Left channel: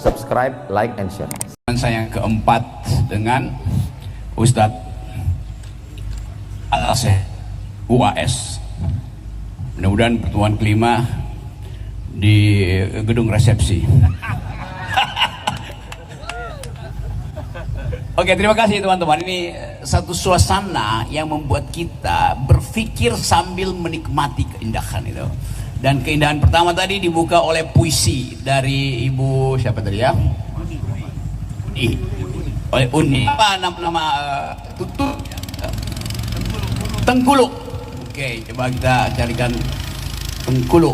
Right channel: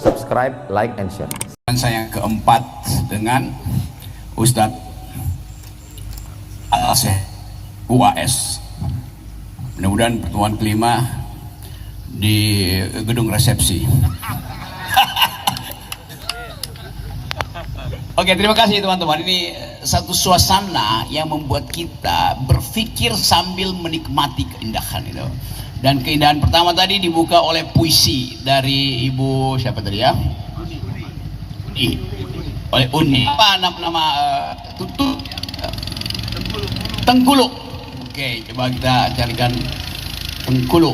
subscribe, like, and share. Dan saya keempat dengan Ustadz Al-Aseh UAS. Mudah-mudahan pertemuan kelima di gedung resepsi. Oke, terima kasih teman-teman. Ini satu suasana yang membuat kita berpikir sambil menikmati keindahan itu. Dan keindahan pertama tadi dibuka oleh puisi dari Ibu siapa tadi ya? Uni. Oleh Uni. Apa nama tutup? Tengkulu. Oke, coba kita carikan Tengkulu.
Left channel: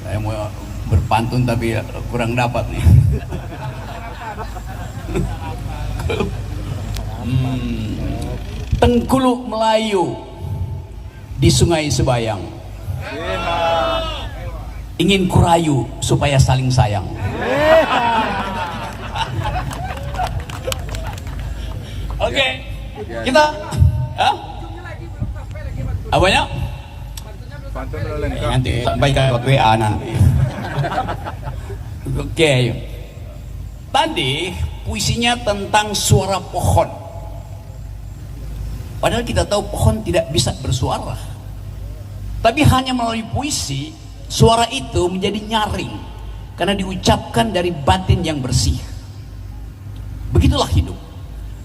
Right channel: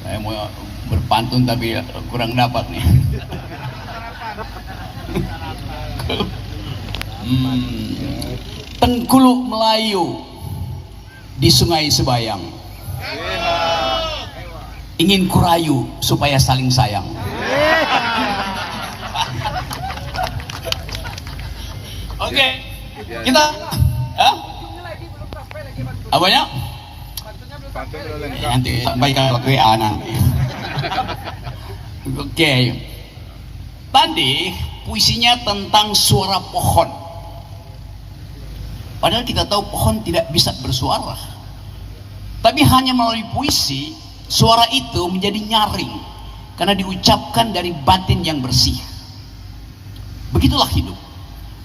Saya mau berpantun tapi kurang dapat nih. Tengkulu Melayu di Sungai Sebayang, ingin kurayu supaya saling sayang. Oke, kita apanya? Nanti sampaikan lewat WA nanti. Oke, tadi puisinya tentang suara pohon. Padahal kita tahu pohon tidak bisa bersuara. Tapi hanya melalui puisi, suara itu menjadi nyaring. Karena diucapkan dari batin yang bersih. Begitulah hidup.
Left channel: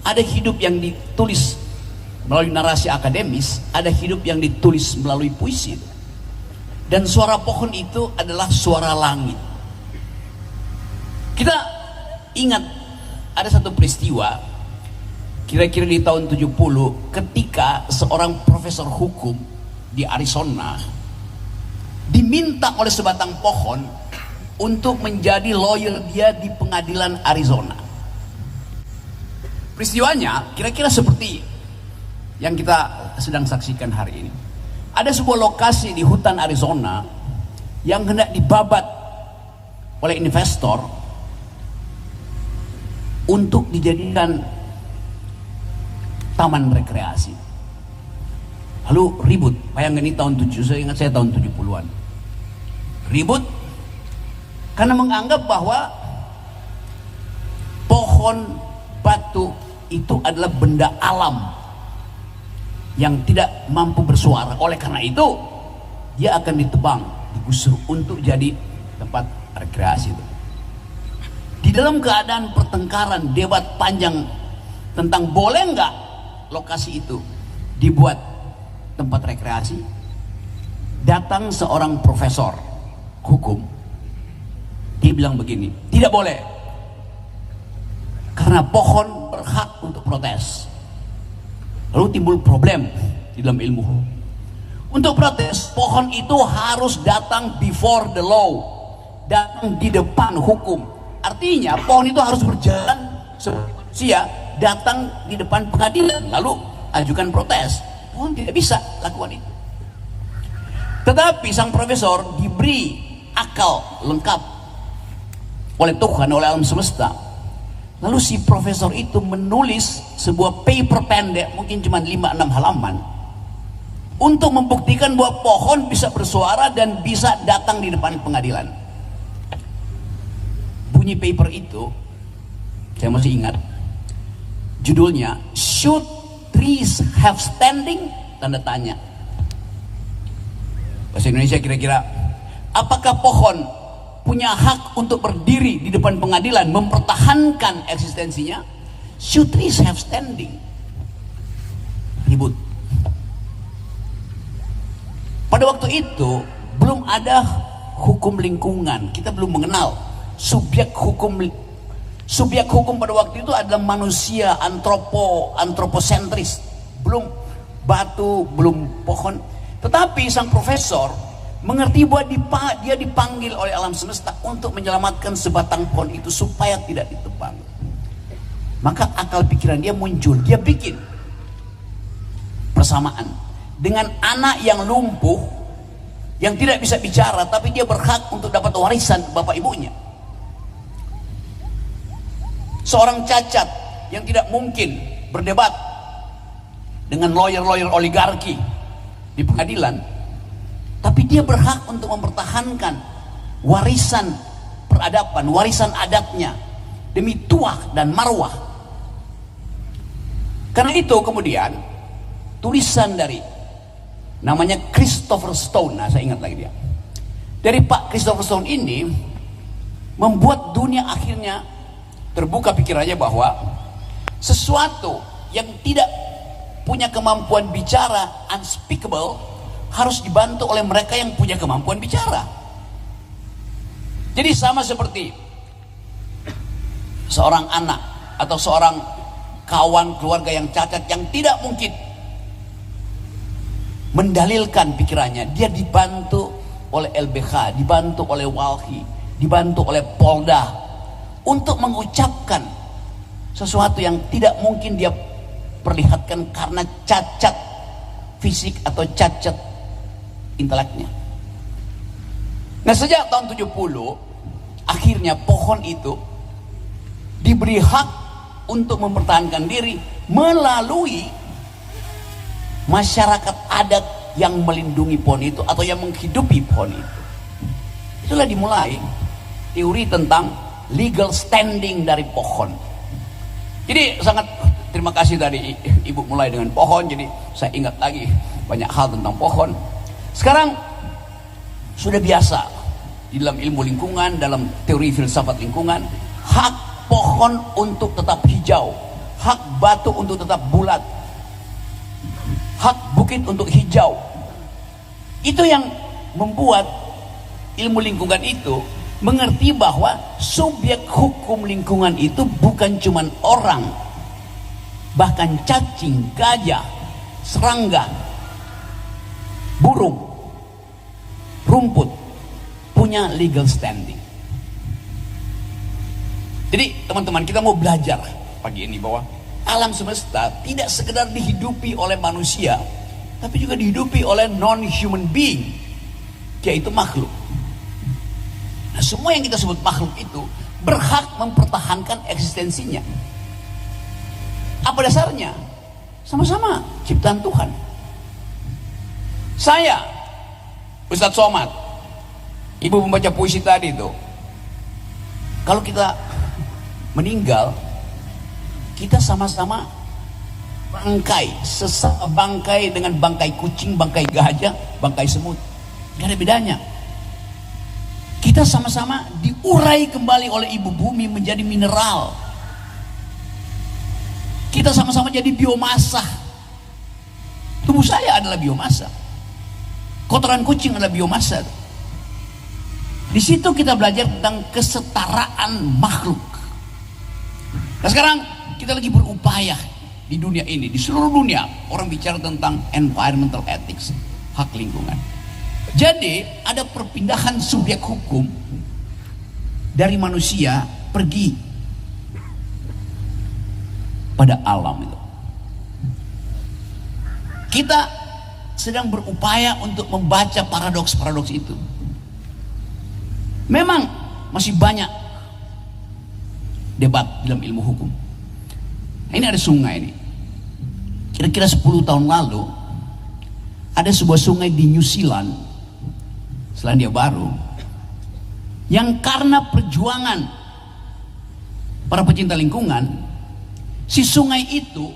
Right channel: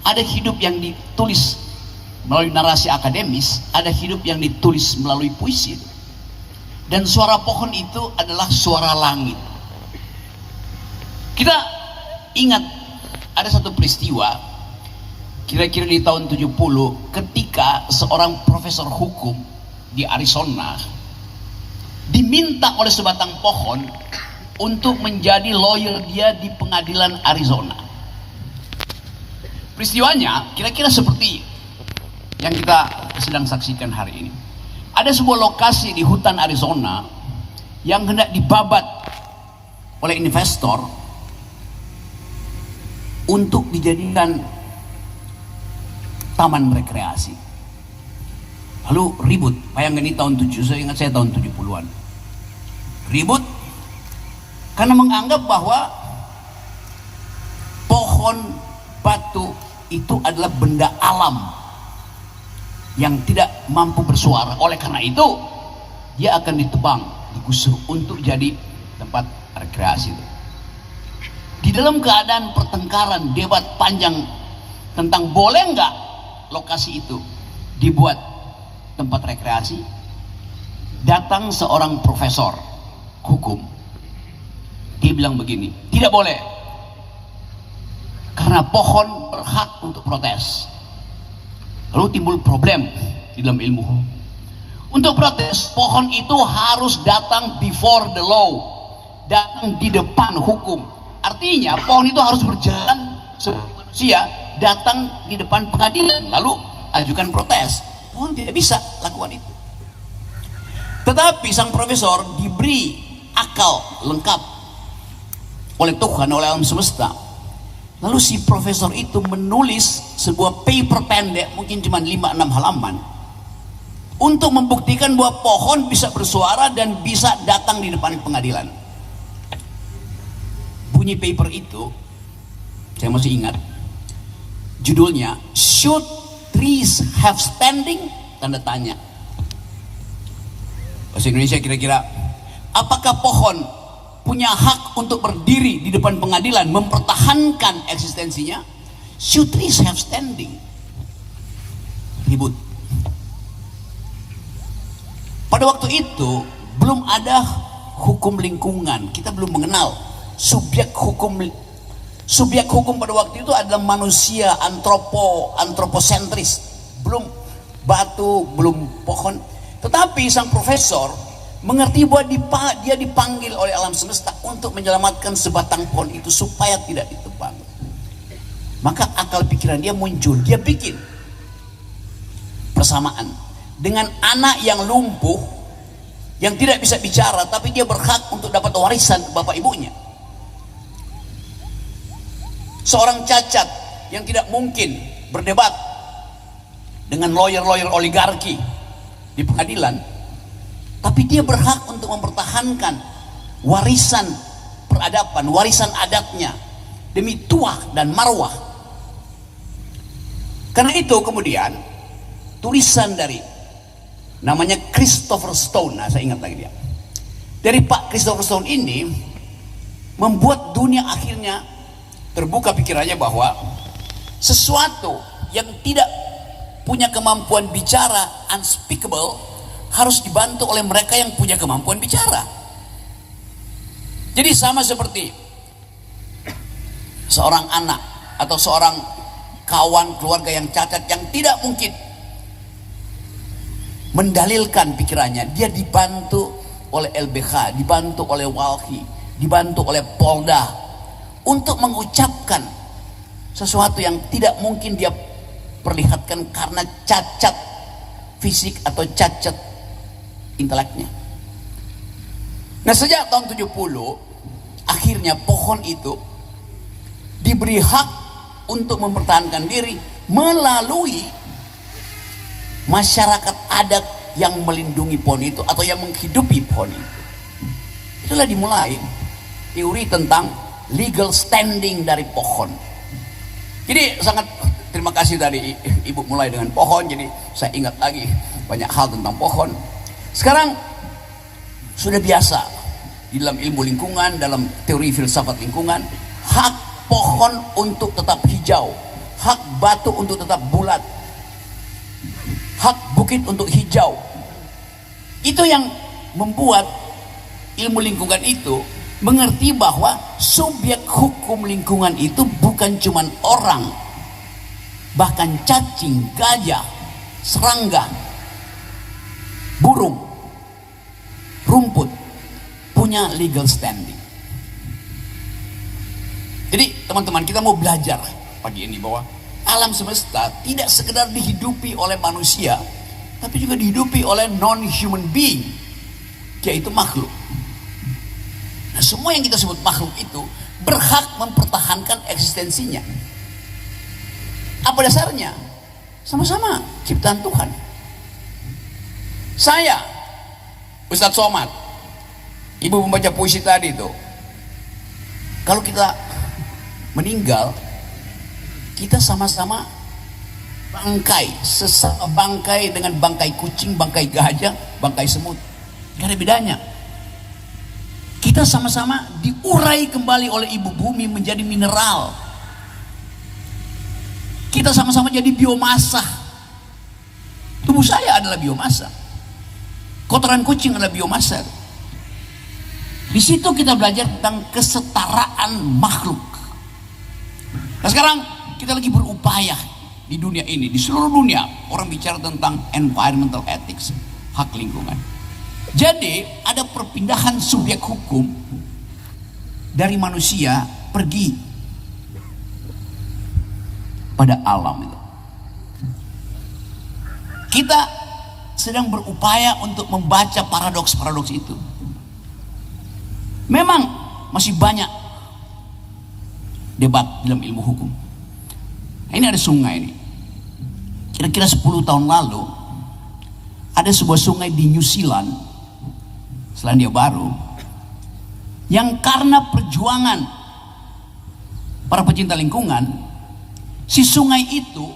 Ada hidup yang ditulis melalui narasi akademis, ada hidup yang ditulis melalui puisi. Dan suara pohon itu adalah suara langit. Kita ingat ada satu peristiwa kira-kira di tahun 70 ketika seorang profesor hukum di Arizona diminta oleh sebatang pohon untuk menjadi lawyer dia di pengadilan Arizona. Peristiwanya kira-kira seperti yang kita sedang saksikan hari ini. Ada sebuah lokasi di hutan Arizona yang hendak dibabat oleh investor untuk dijadikan taman rekreasi. Lalu ribut, bayangkan ini tahun 7, saya ingat saya tahun 70-an. Ribut karena menganggap bahwa pohon batu itu adalah benda alam yang tidak mampu bersuara. Oleh karena itu, dia akan ditebang, digusur untuk jadi tempat rekreasi itu. Di dalam keadaan pertengkaran, debat panjang tentang boleh nggak lokasi itu dibuat tempat rekreasi, datang seorang profesor hukum. Dia bilang begini, tidak boleh, karena pohon berhak untuk protes. Lalu timbul problem di dalam ilmu hukum. Untuk protes, pohon itu harus datang before the law, datang di depan hukum. Artinya pohon itu harus berjalan seperti manusia, datang di depan pengadilan lalu ajukan protes. Pohon tidak bisa lakukan itu. Tetapi sang profesor diberi akal lengkap oleh Tuhan, oleh alam semesta. Lalu si profesor itu menulis sebuah paper pendek, mungkin cuma 5-6 halaman, untuk membuktikan bahwa pohon bisa bersuara dan bisa datang di depan pengadilan. Bunyi paper itu saya masih ingat. Judulnya, Should Trees Have Standing? Tanda tanya. Bahasa Indonesia kira-kira, apakah pohon punya hak untuk berdiri di depan pengadilan mempertahankan eksistensinya? Should trees have standing? Ribut. Pada waktu itu belum ada hukum lingkungan. Kita belum mengenal subjek hukum. Subjek hukum pada waktu itu adalah manusia, antroposentris. Belum batu, belum pohon. Tetapi sang profesor mengerti bahwa dia dipanggil oleh alam semesta untuk menyelamatkan sebatang pohon itu supaya tidak ditebang. Maka akal pikiran dia muncul. Dia bikin persamaan dengan anak yang lumpuh, yang tidak bisa bicara, tapi dia berhak untuk dapat warisan ke bapak ibunya. Seorang cacat yang tidak mungkin berdebat dengan lawyer-lawyer oligarki di pengadilan, tapi dia berhak untuk mempertahankan warisan peradaban, warisan adatnya demi tuah dan marwah. Karena itu kemudian tulisan dari namanya Christopher Stone, nah saya ingat lagi dia, dari Pak Christopher Stone ini membuat dunia akhirnya terbuka pikirannya bahwa sesuatu yang tidak punya kemampuan bicara, unspeakable, harus dibantu oleh mereka yang punya kemampuan bicara. Jadi sama seperti seorang anak atau seorang kawan keluarga yang cacat yang tidak mungkin mendalilkan pikirannya, dia dibantu oleh LBH, dibantu oleh Walhi, dibantu oleh Polda untuk mengucapkan sesuatu yang tidak mungkin dia perlihatkan karena cacat fisik atau cacat inteleknya. Nah, sejak tahun 70 akhirnya pohon itu diberi hak untuk mempertahankan diri melalui masyarakat adat yang melindungi pohon itu atau yang menghidupi pohon itu. Itulah dimulai teori tentang legal standing dari pohon. Jadi sangat terima kasih tadi Ibu mulai dengan pohon, jadi saya ingat lagi banyak hal tentang pohon. Sekarang sudah biasa di dalam ilmu lingkungan, dalam teori filsafat lingkungan, hak pohon untuk tetap hijau, hak batu untuk tetap bulat, hak bukit untuk hijau. Itu yang membuat ilmu lingkungan itu mengerti bahwa subjek hukum lingkungan itu bukan cuma orang, bahkan cacing, gajah, serangga, burung, rumput punya legal standing. Jadi teman-teman, kita mau belajar pagi ini bahwa alam semesta tidak sekedar dihidupi oleh manusia, tapi juga dihidupi oleh non-human being, yaitu makhluk. Nah, semua yang kita sebut makhluk itu berhak mempertahankan eksistensinya. Apa dasarnya? Sama-sama ciptaan Tuhan. Saya, Ustadz Somad, Ibu membaca puisi tadi itu, kalau kita meninggal, kita sama-sama bangkai, sesama bangkai dengan bangkai kucing, bangkai gajah, bangkai semut. Gak ada bedanya. Kita sama-sama diurai kembali oleh ibu bumi menjadi mineral. Kita sama-sama jadi biomasa. Tubuh saya adalah biomasa. Kotoran kucing adalah biomasa. Di situ kita belajar tentang kesetaraan makhluk. Nah, sekarang kita lagi berupaya di dunia ini, di seluruh dunia orang bicara tentang environmental ethics, hak lingkungan. Jadi ada perpindahan subjek hukum dari manusia pergi pada alam itu. Kita sedang berupaya untuk membaca paradoks-paradoks itu. Memang masih banyak debat dalam ilmu hukum. Ini ada sungai ini. Kira-kira 10 tahun lalu ada sebuah sungai di New Zealand, Selandia Baru, yang karena perjuangan para pecinta lingkungan, si sungai itu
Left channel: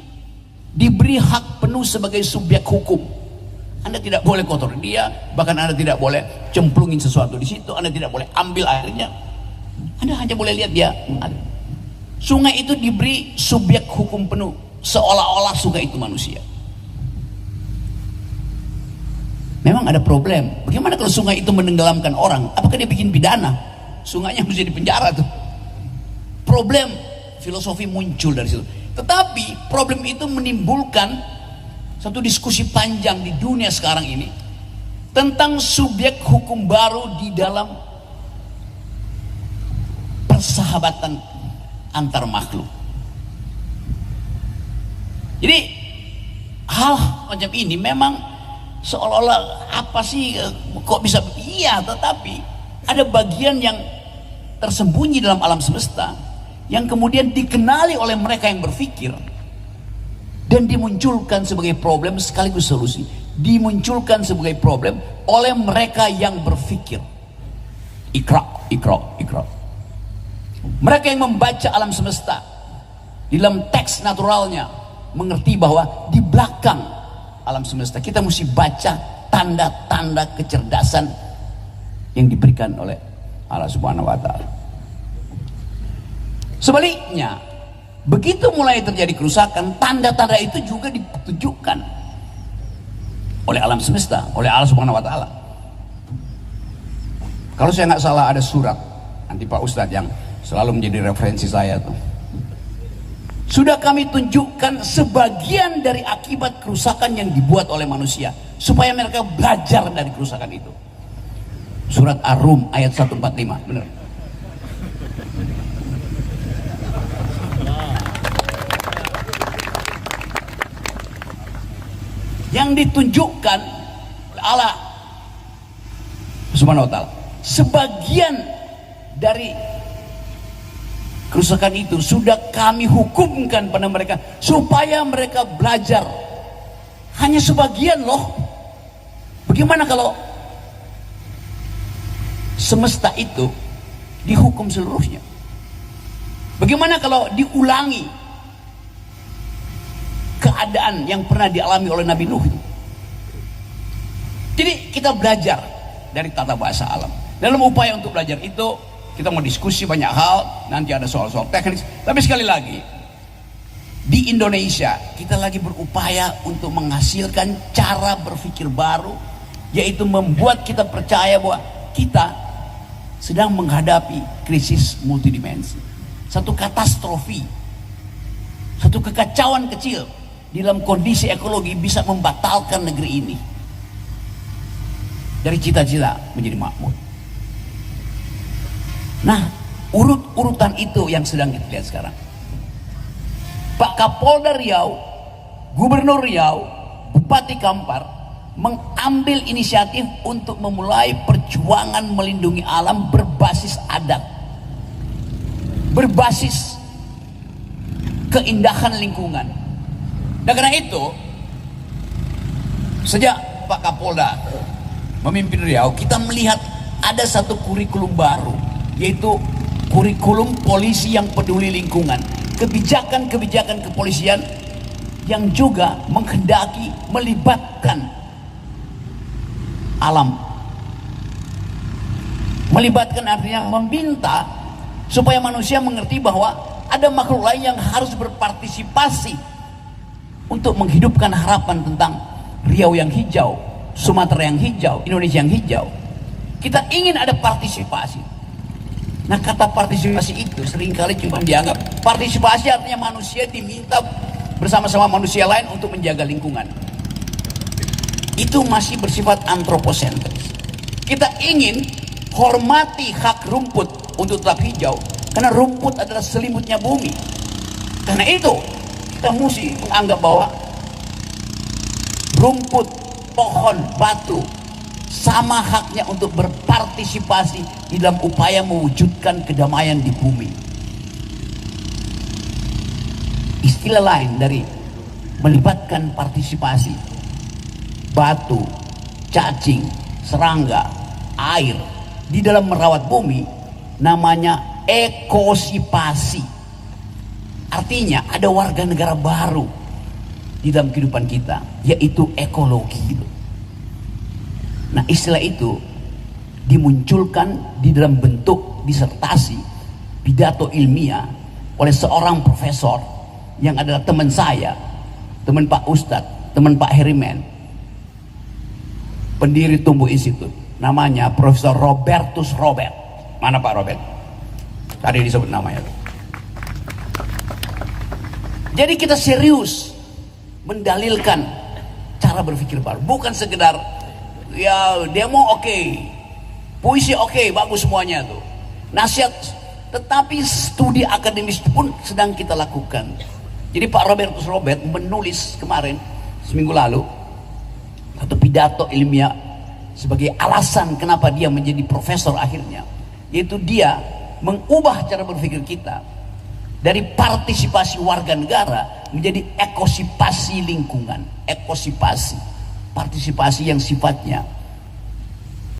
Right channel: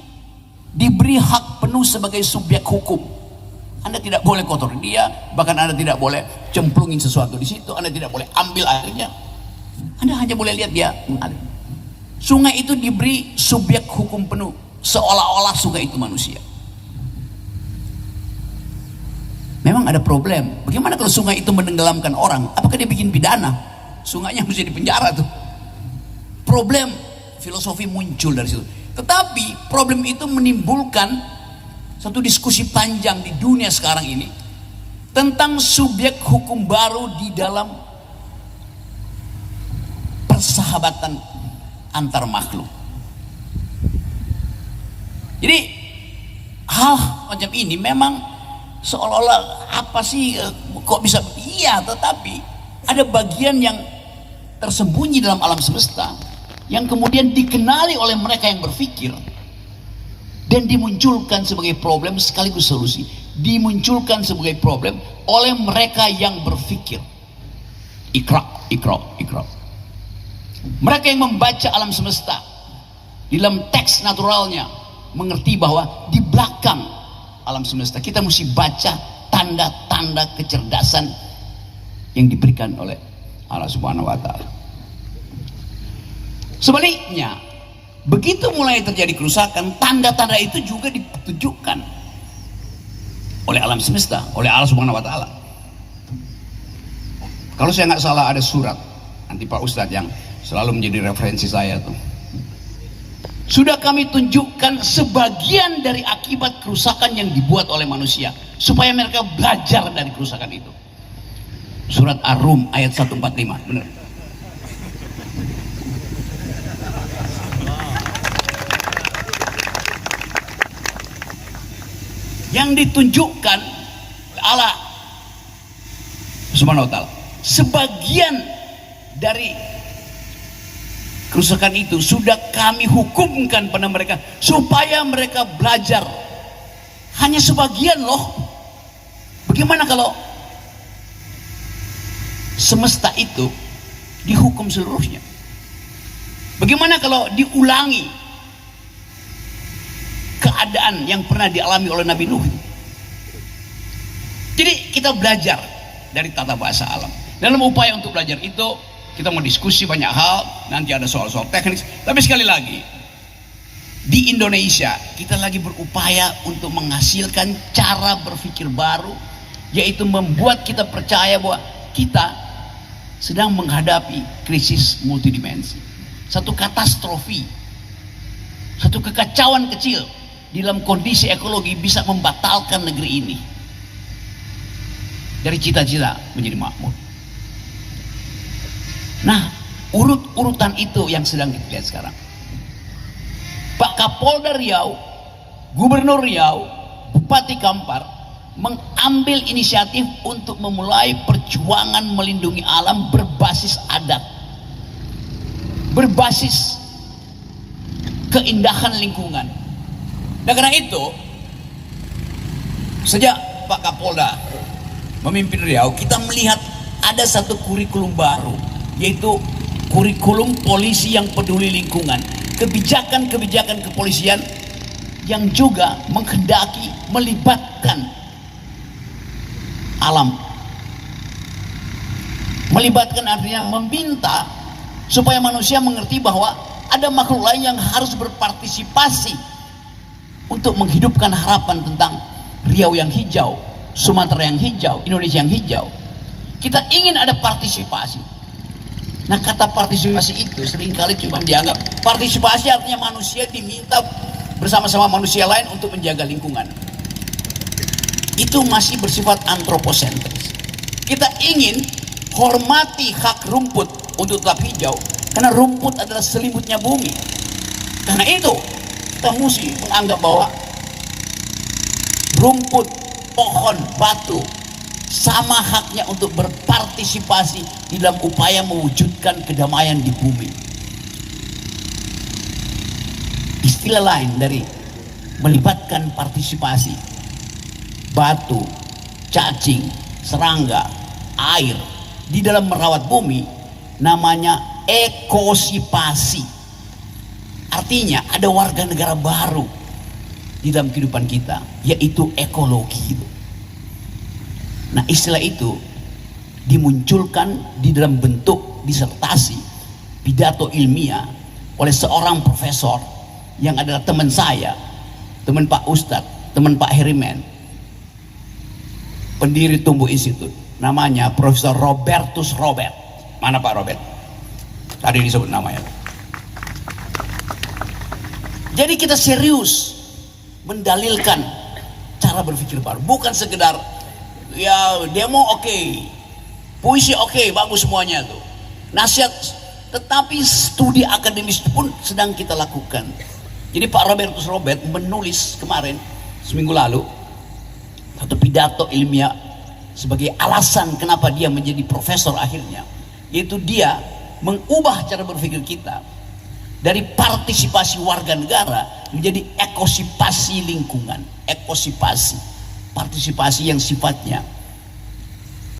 diberi hak penuh sebagai subjek hukum. Anda tidak boleh kotor dia, bahkan Anda tidak boleh cemplungin sesuatu di situ, Anda tidak boleh ambil airnya. Anda hanya boleh lihat dia ada. Sungai itu diberi subjek hukum penuh, seolah-olah sungai itu manusia. Memang ada problem. Bagaimana kalau sungai itu menenggelamkan orang? Apakah dia bikin pidana? Sungainya mesti dipenjara tuh. Problem filosofi muncul dari situ. Tetapi problem itu menimbulkan satu diskusi panjang di dunia sekarang ini tentang subjek hukum baru di dalam persahabatan antar makhluk. Jadi hal macam ini memang seolah-olah apa sih, kok bisa, iya, tetapi ada bagian yang tersembunyi dalam alam semesta yang kemudian dikenali oleh mereka yang berpikir dan dimunculkan sebagai problem sekaligus solusi. dimunculkan sebagai problem oleh mereka yang berpikir. Ikra. Mereka yang membaca alam semesta di dalam teks naturalnya mengerti bahwa di belakang alam semesta kita mesti baca tanda-tanda kecerdasan yang diberikan oleh Allah Subhanahu wa Ta'ala. Sebaliknya, begitu mulai terjadi kerusakan, tanda-tanda itu juga ditunjukkan oleh alam semesta, oleh Allah Subhanahu wa Ta'ala. Kalau saya nggak salah ada surat nanti Pak Ustadz yang selalu menjadi referensi saya tuh. Sudah kami tunjukkan sebagian dari akibat kerusakan yang dibuat oleh manusia supaya mereka belajar dari kerusakan itu. Surat Ar-Rum ayat 145, benar. Yang ditunjukkan oleh Allah Subhanahu wa Ta'ala, sebagian dari kerusakan itu sudah kami hukumkan pada mereka supaya mereka belajar. Hanya sebagian loh. Bagaimana kalau semesta itu dihukum seluruhnya? Bagaimana kalau diulangi keadaan yang pernah dialami oleh Nabi Nuh? Jadi kita belajar dari tata bahasa alam. Dalam upaya untuk belajar itu kita mau diskusi banyak hal, nanti ada soal-soal teknis. Tapi sekali lagi, di Indonesia kita lagi berupaya untuk menghasilkan cara berpikir baru, yaitu membuat kita percaya bahwa kita sedang menghadapi krisis multidimensi, satu katastrofi, satu kekacauan kecil di dalam kondisi ekologi bisa membatalkan negeri ini dari cita-cita menjadi makmur. Nah, urut-urutan itu yang sedang kita lihat sekarang. Pak Kapolda Riau, Gubernur Riau, Bupati Kampar mengambil inisiatif untuk memulai perjuangan melindungi alam berbasis adat, berbasis keindahan lingkungan. Dan karena itu, sejak Pak Kapolda memimpin Riau, kita melihat ada satu kurikulum baru, yaitu kurikulum polisi yang peduli lingkungan. Kebijakan-kebijakan kepolisian yang juga menghendaki melibatkan alam. Melibatkan artinya meminta supaya manusia mengerti bahwa ada makhluk lain yang harus berpartisipasi untuk menghidupkan harapan tentang Riau yang hijau, Sumatera yang hijau, Indonesia yang hijau. Kita ingin ada partisipasi. Nah, kata partisipasi itu seringkali cuma dianggap partisipasi artinya manusia diminta bersama-sama manusia lain untuk menjaga lingkungan. Itu masih bersifat antroposentris. Kita ingin hormati hak rumput untuk tetap hijau karena rumput adalah selimutnya bumi. Karena itu kita mesti menganggap bahwa rumput, pohon, batu sama haknya untuk berpartisipasi di dalam upaya mewujudkan kedamaian di bumi. Istilah lain dari melibatkan partisipasi batu, cacing, serangga, air di dalam merawat bumi namanya ekosipasi. Artinya ada warga negara baru di dalam kehidupan kita, yaitu ekologi. Nah, istilah itu dimunculkan di dalam bentuk disertasi pidato ilmiah oleh seorang profesor yang adalah teman saya, teman Pak Ustadz, teman Pak Herimen, pendiri Tumbuh Institut, namanya Profesor Robertus Robert. Mana Pak Robert? Tadi disebut namanya. Jadi kita serius mendalilkan cara berpikir baru, bukan sekedar ya demo oke, puisi oke, bagus semuanya tuh, nasihat, tetapi studi akademis pun sedang kita lakukan. Jadi Pak Robertus Robert menulis kemarin seminggu lalu satu pidato ilmiah sebagai alasan kenapa dia menjadi profesor akhirnya, yaitu dia mengubah cara berpikir kita dari partisipasi warga negara menjadi ekosipasi lingkungan, ekosipasi. partisipasi yang sifatnya